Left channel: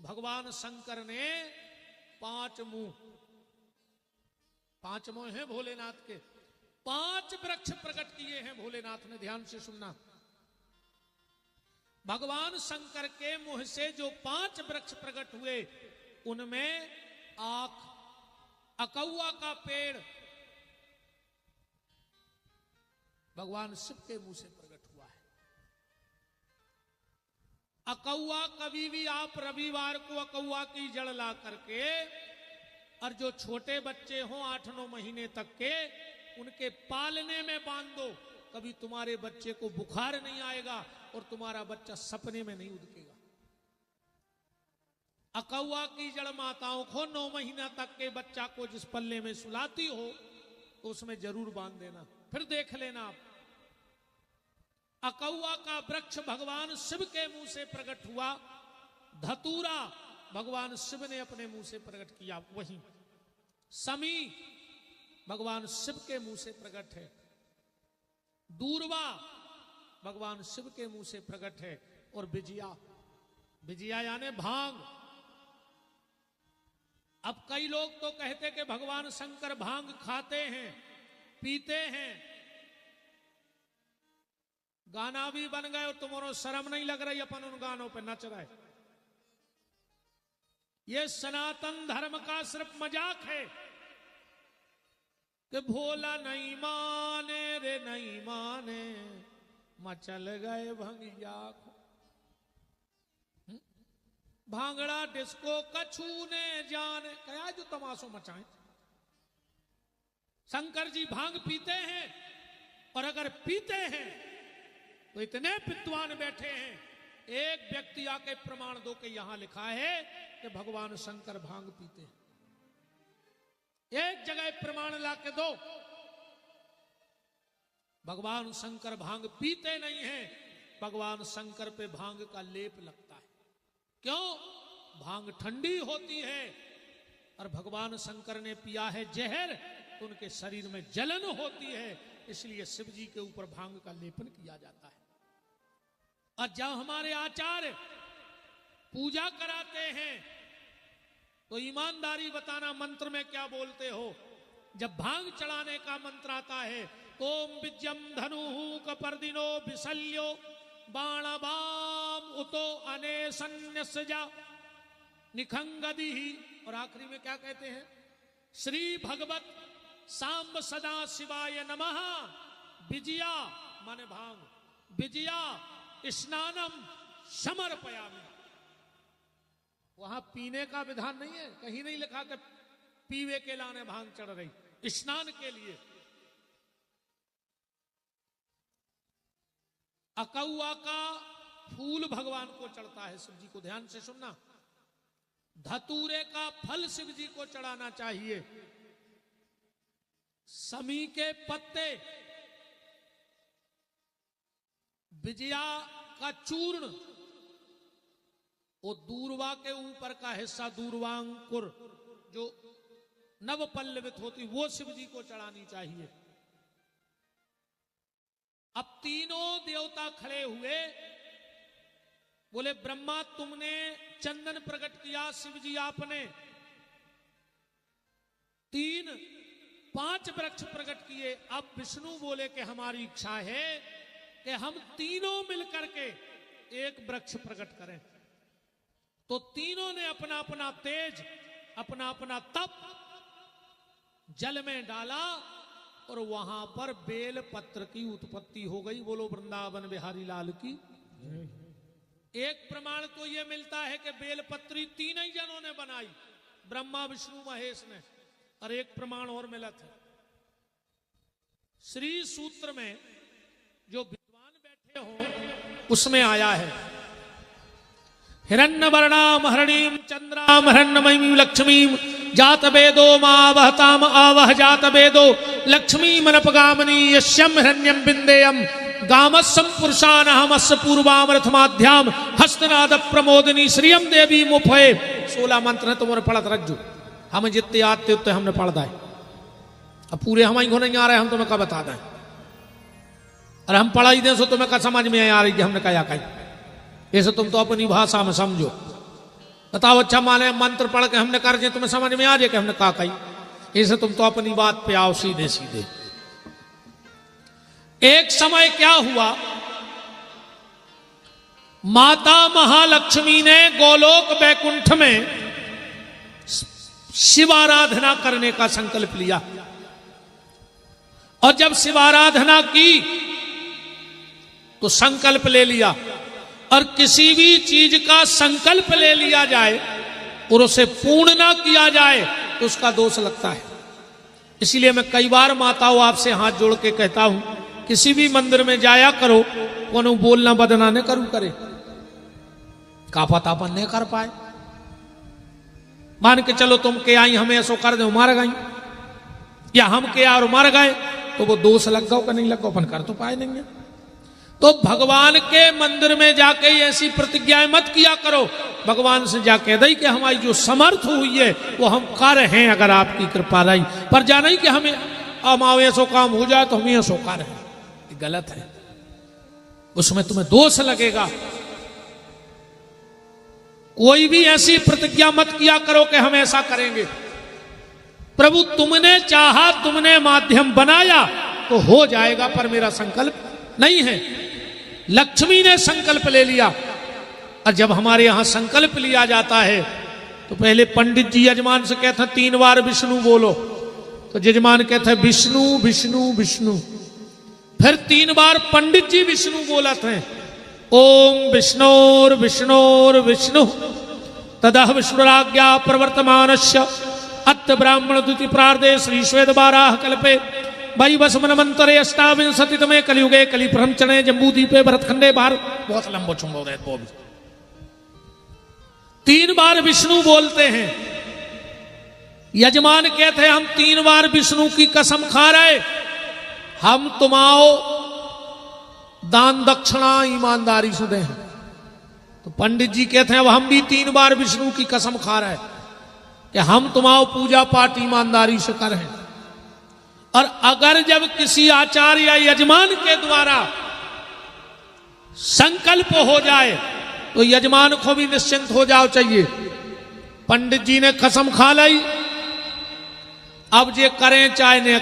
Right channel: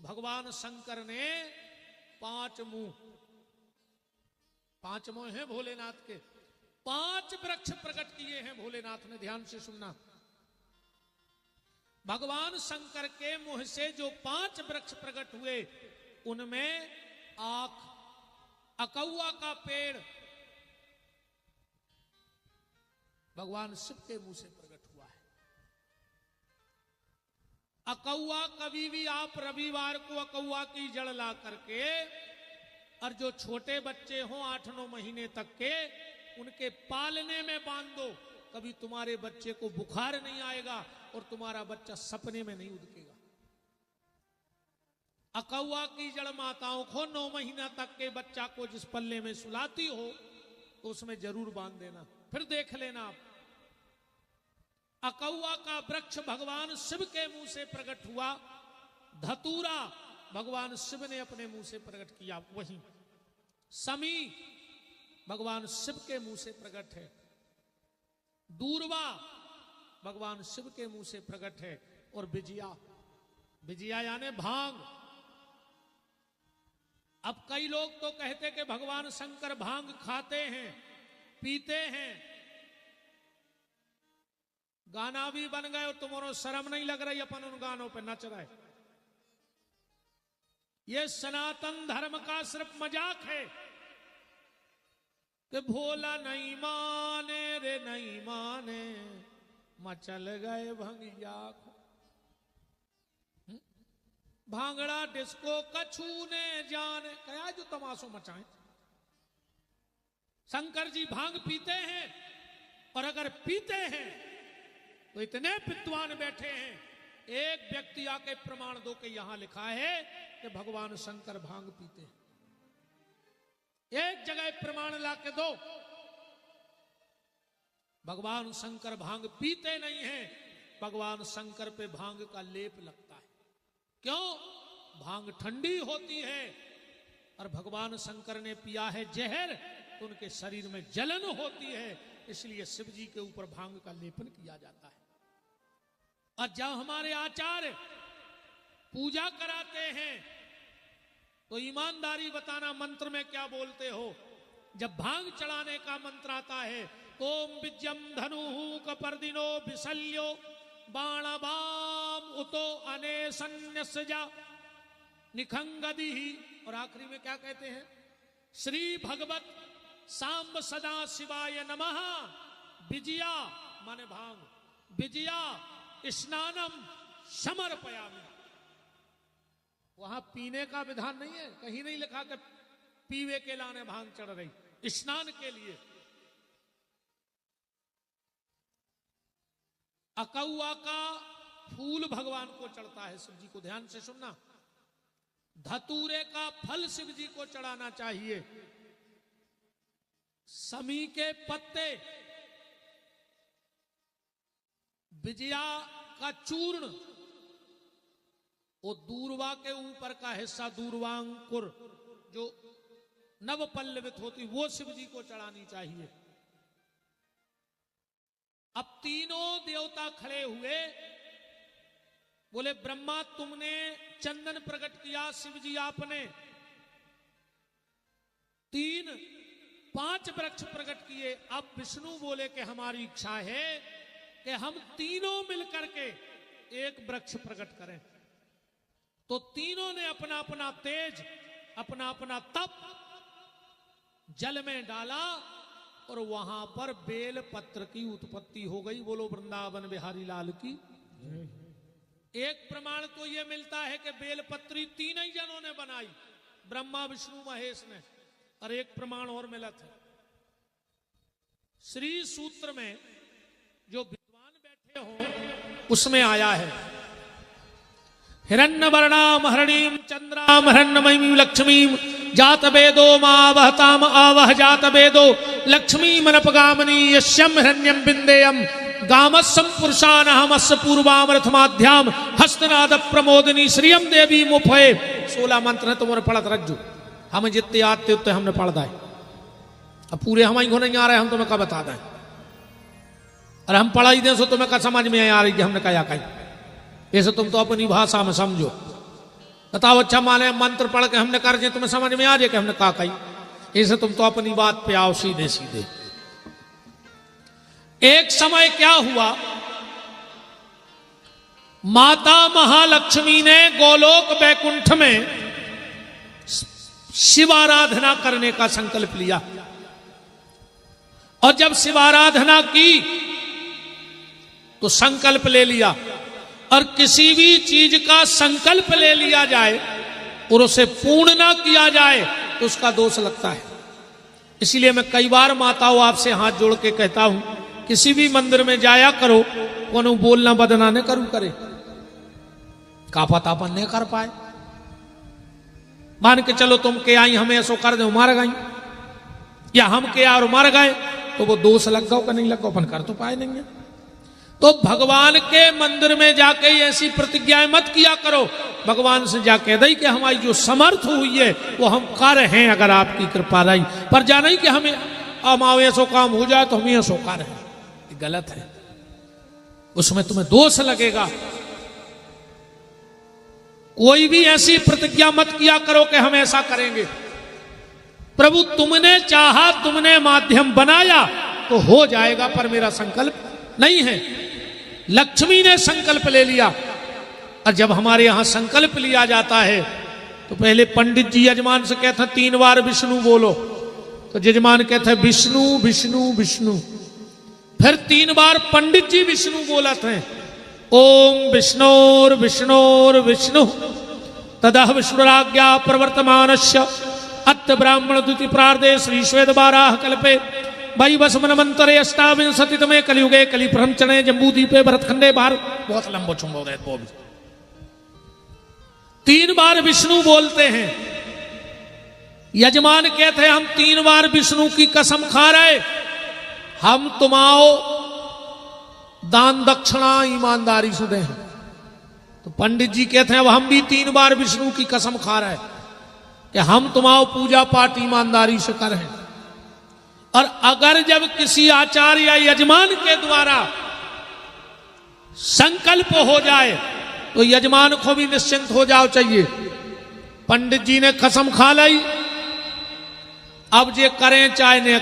तो भगवान शंकर ने 5 मुंह, 5 मुंह हैं भोलेनाथ के, 5 वृक्ष प्रकट किए हैं भोलेनाथ ने। ध्यान से सुनना है, भगवान शंकर के मुंह से जो 5 वृक्ष प्रकट हुए उनमें आख, अकौआ का पेड़ भगवान शिव के मुंह से प्रकट हुआ है। अकौआ कभी भी आप रविवार को अकौआ की जड़ ला करके और जो छोटे बच्चे हों 8-9 महीने तक के उनके पालने में बांध दो, कभी तुम्हारे बच्चे को बुखार नहीं आएगा और तुम्हारा बच्चा सपने में नहीं उड़केगा। अकौआ की जड़ माताओं को 9 महीना तक के बच्चा को जिस पल्ले में सुलाती हो तो उसमें जरूर बांध देना, फिर देख लेना आप। अकौआ का वृक्ष भगवान शिव के मुंह से प्रकट हुआ। धतूरा भगवान शिव ने अपने मुंह से प्रकट किया। समी भगवान शिव के मुंह से प्रकट है। दूर्वा भगवान शिव के मुंह से प्रकट है। और बिजिया, बिजिया यानी भांग। अब कई लोग तो कहते कि भगवान शंकर भांग खाते हैं, पीते हैं। गाना भी बन गए और तुम्हारो शर्म नहीं लग रही अपन उन गानों पर नच रहे। ये सनातन धर्म का सिर्फ मजाक है कि भोला नहीं माने रे नहीं माने, मचल गए भंगिया। भांगड़ा डिस्को कछू ने जाने, क्या जो तमाशो मचाए। शंकर जी भांग पीते हैं, और अगर पीते हैं तो इतने विद्वान बैठे हैं, एक व्यक्ति आके प्रमाण दो कि यहां लिखा है कि भगवान शंकर भांग पीते हैं। एक जगह प्रमाण लाके दो। भगवान शंकर भांग पीते नहीं हैं, भगवान शंकर पे भांग का लेप लगता है। क्यों? भांग ठंडी होती है और भगवान शंकर ने पिया है जहर, तो उनके शरीर में जलन होती है, इसलिए शिव जी के ऊपर भांग का लेपन किया जाता है। और जब हमारे आचार्य पूजा कराते हैं तो ईमानदारी बताना मंत्र में क्या बोलते हो। जब भांग चढ़ाने का मंत्र आता है, ओम विजयम धनु कपर्दिनो विशल्यो बाणवाम उतो अनेसन्यसजा निखंगदी, और आखिरी में क्या कहते हैं, श्री भगवत सांब सदा शिवाय नमः। विजया माने भांग, विजया स्नानम समर्पयामि। वहां पीने का विधान नहीं है, कहीं नहीं लिखा कि पीवे के लाने भांग चढ़ रही, स्नान के लिए। अकौआ का फूल भगवान को चढ़ता है, शिव जी को। ध्यान से सुनना, धतूरे का फल शिव जी को चढ़ाना चाहिए। समी के पत्ते, विजया का चूर्ण, और दूर्वा के ऊपर का हिस्सा दूर्वांकुर जो नव पल्लवित होती, वो शिव जी को चढ़ानी चाहिए। अब तीनों देवता खड़े हुए, बोले ब्रह्मा तुमने चंदन प्रकट किया, शिव जी आपने 5 वृक्ष प्रकट किए। अब विष्णु बोले कि हमारी इच्छा है कि हम तीनों मिलकर के एक वृक्ष प्रकट करें। तो तीनों ने अपना अपना तेज, अपना अपना तप जल में डाला और वहां पर बेल पत्र की उत्पत्ति हो गई। बोलो वृंदावन बिहारी लाल की। एक प्रमाण तो यह मिलता है कि बेलपत्री 3 ही जनों ने बनाई, ब्रह्मा विष्णु महेश ने। और एक प्रमाण और मिला था, श्री सूत्र में जो विद्वान बैठे हो उसमें आया है, हिरण्य वर्णाम हरणीम चंद्राम हिरण्यमयीं लक्ष्मीं जात वेदो मावहताम आवह जात वेदो लक्ष्मी मनपगामिनी यश्यम हिरण्यम बिंदेयम गामस्सम पुरुषानहमस्य पूर्वामृतमाध्याम हस्तनाद प्रमोदिनी श्रियम देवी मुफे। 16 मंत्र है, तुम्हारे पढ़त रज्जु। हम जितने आते उतने हमने पढ़ता है। अब पूरे हमारी को नहीं आ रहे, हम तुम्हें क्या बता दें। अरे हम पढ़ाई दें सो तुम्हें क्या समझ में आ रही कि हमने क्या कही। ऐसे तुम तो अपनी भाषा में समझो। बताओ अच्छा माने मंत्र पढ़ के हमने कर दिया, तुम्हें समझ में आ जाए कि हमने कहा कही? इसे तुम तो अपनी बात पे आओ सीधे सीधे। एक समय क्या हुआ, माता महालक्ष्मी ने गोलोक वैकुंठ में शिवाराधना करने का संकल्प लिया। और जब शिवाराधना की तो संकल्प ले लिया, और किसी भी चीज का संकल्प ले लिया जाए और उसे पूर्ण ना किया जाए तो उसका दोष लगता है। इसलिए मैं कई बार माताओं आपसे हाथ जोड़ के कहता हूं, किसी भी मंदिर में जाया करो, कोनो बोलना बदना न करू करे, का पता अपन नहीं कर पाए। मान के चलो तुम के आई हमें ऐसो कर दो मर गई, या हम के और मर गए, तो वो दोष लग गो का नहीं लग गो, अपन कर तो पाए नहीं है। तो भगवान के मंदिर में जाके ऐसी प्रतिज्ञाएं मत किया करो, भगवान से जाके दई कि हमारी जो समर्थ हुई है वो हम कर हैं, अगर आपकी कृपा रही, पर जाना ही कि हमें हमारे ऐसो काम हो जाए तो हमें ऐसो कर है, गलत है, उसमें तुम्हें दोष लगेगा। कोई भी ऐसी प्रतिज्ञा मत किया करो कि हम ऐसा करेंगे। प्रभु तुमने चाहा, तुमने माध्यम बनाया तो हो जाएगा, पर मेरा संकल्प नहीं है। लक्ष्मी ने संकल्प ले लिया, और जब हमारे यहां संकल्प लिया जाता है तो पहले पंडित जी यजमान से कहते हैं 3 बार विष्णु बोलो, तो यजमान कहते हैं विष्णु विष्णु विष्णु, फिर 3 बार पंडित जी विष्णु बोला थे, ओम विष्णोर विष्णोर विष्णु तदा विष्णुराज्ञा प्रवर्तमानस्य अत्त ब्राह्मण द्वितीय प्रार्धे श्री श्वेत बाराह कल्पे भाई बस मनमंतरे अष्टाविंशति तमे कलियुगे कलि ब्रह्मचणे जम्बूदीपे भरतखंडे भारत। बहुत लंबो चुंबो रहे वो भी 3 बार विष्णु बोलते हैं। यजमान कहते हैं हम 3 बार विष्णु की कसम खा रहे, हम तुम्हारो दान दक्षिणा ईमानदारी से दें। तो पंडित जी कहते हैं अब हम भी 3 बार विष्णु की कसम खा रहे कि हम तुम्हारो पूजा पाठ ईमानदारी से करें। और अगर जब किसी आचार्य या यजमान के द्वारा संकल्प हो जाए तो यजमान को भी निश्चिंत हो जाओ चाहिए। पंडित जी ने कसम खा ली, अब जे करें चाहे न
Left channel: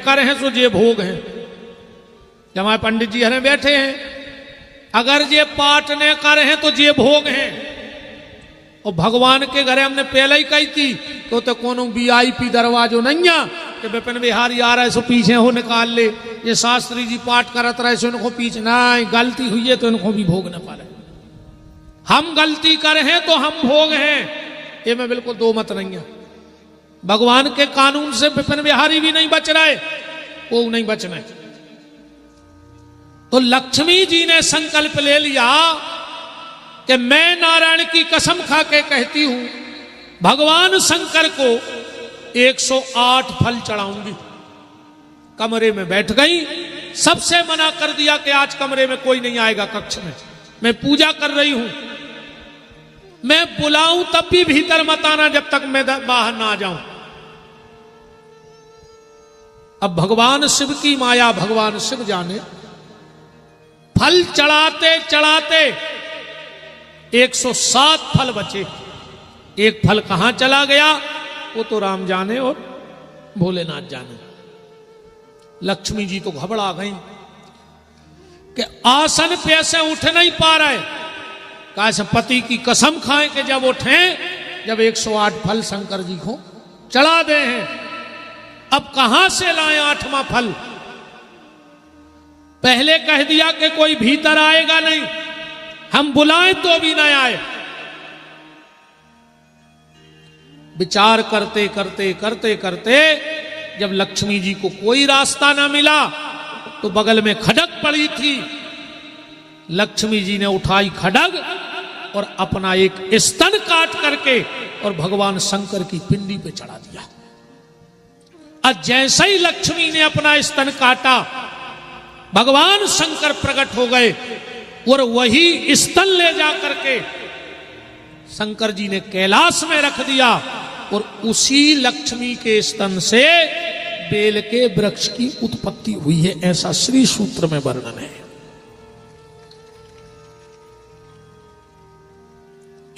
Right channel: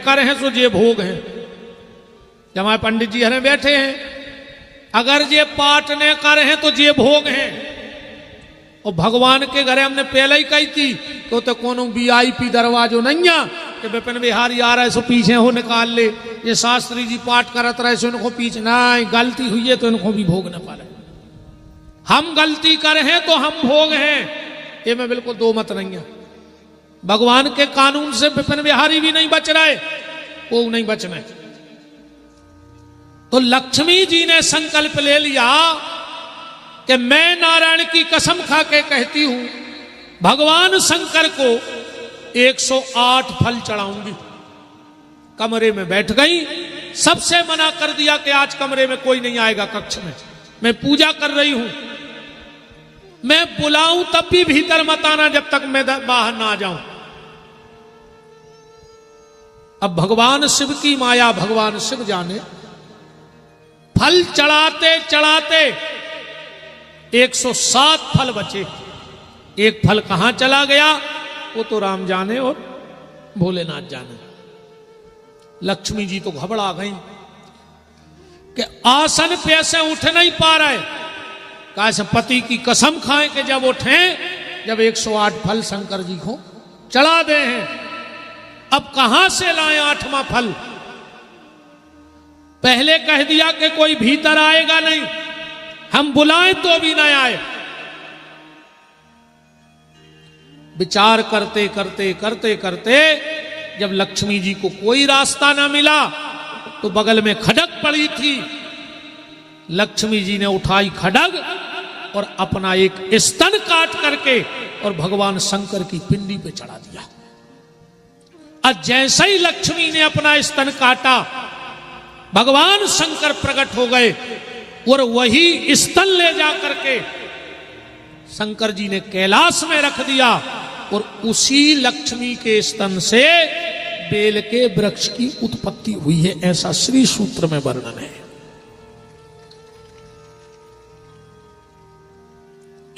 करें तो जे भोग हैं। जब हमारे पंडित जी हमें बैठे हैं, अगर जे पाठ न करें तो जे भोग हैं। और भगवान के घरे हमने पहले ही कही थी तो कोनो VIP दरवाजो नहीं है कि विपिन बिहारी आ रहा है सो पीछे हो निकाल ले, ये शास्त्री जी पाठ करत रहे सो इनको पीछे नहीं, गलती हुई है तो इनको भी भोग न पाले। हम गलती करे हैं तो हम भोग हैं, ये में बिल्कुल 2 मत नहीं है। भगवान के कानून से विपिन बिहारी भी नहीं बच रहा है, वो नहीं बचना है। तो लक्ष्मी जी ने संकल्प ले लिया कि मैं नारायण की कसम खा के कहती हूं भगवान शंकर को 108 फल चढ़ाऊंगी। कमरे में बैठ गई, सबसे मना कर दिया कि आज कमरे में कोई नहीं आएगा, कक्ष में मैं पूजा कर रही हूं, मैं बुलाऊं तब भी भीतर मत आना जब तक मैं बाहर ना आ जाऊं। अब भगवान शिव की माया भगवान शिव जाने, फल चढ़ाते चढ़ाते 107 फल बचे। एक फल कहां चला गया वो तो राम जाने और भोलेनाथ जाने। लक्ष्मी जी तो घबरा गई कि आसन पे से उठ नहीं पा रहे, कैसे पति की कसम खाएं कि जब उठे, जब 108 फल शंकर जी को चढ़ा दे हैं, अब कहां से लाएं 8वां फल। पहले कह दिया कि कोई भीतर आएगा नहीं, हम बुलाएं तो भी नहीं आए। विचार करते करते करते करते जब लक्ष्मी जी को कोई रास्ता ना मिला तो बगल में खड़ग पड़ी थी, लक्ष्मी जी ने उठाई खड़ग और अपना एक स्तन काट करके और भगवान शंकर की पिंडी पे चढ़ा दिया। जैसे ही लक्ष्मी ने अपना स्तन काटा, भगवान शंकर प्रकट हो गए और वही स्तन ले जाकर के शंकर जी ने कैलाश में रख दिया, और उसी लक्ष्मी के स्तन से बेल के वृक्ष की उत्पत्ति हुई है, ऐसा श्री सूत्र में वर्णन है।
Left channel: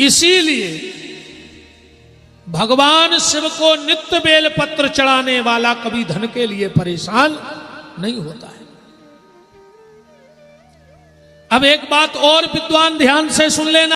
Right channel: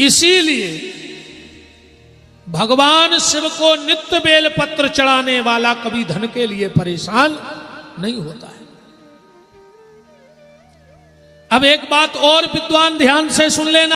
इसीलिए भगवान शिव को नित्य बेल पत्र चढ़ाने वाला कभी धन के लिए परेशान नहीं होता है। अब एक बात और विद्वान ध्यान से सुन लेना।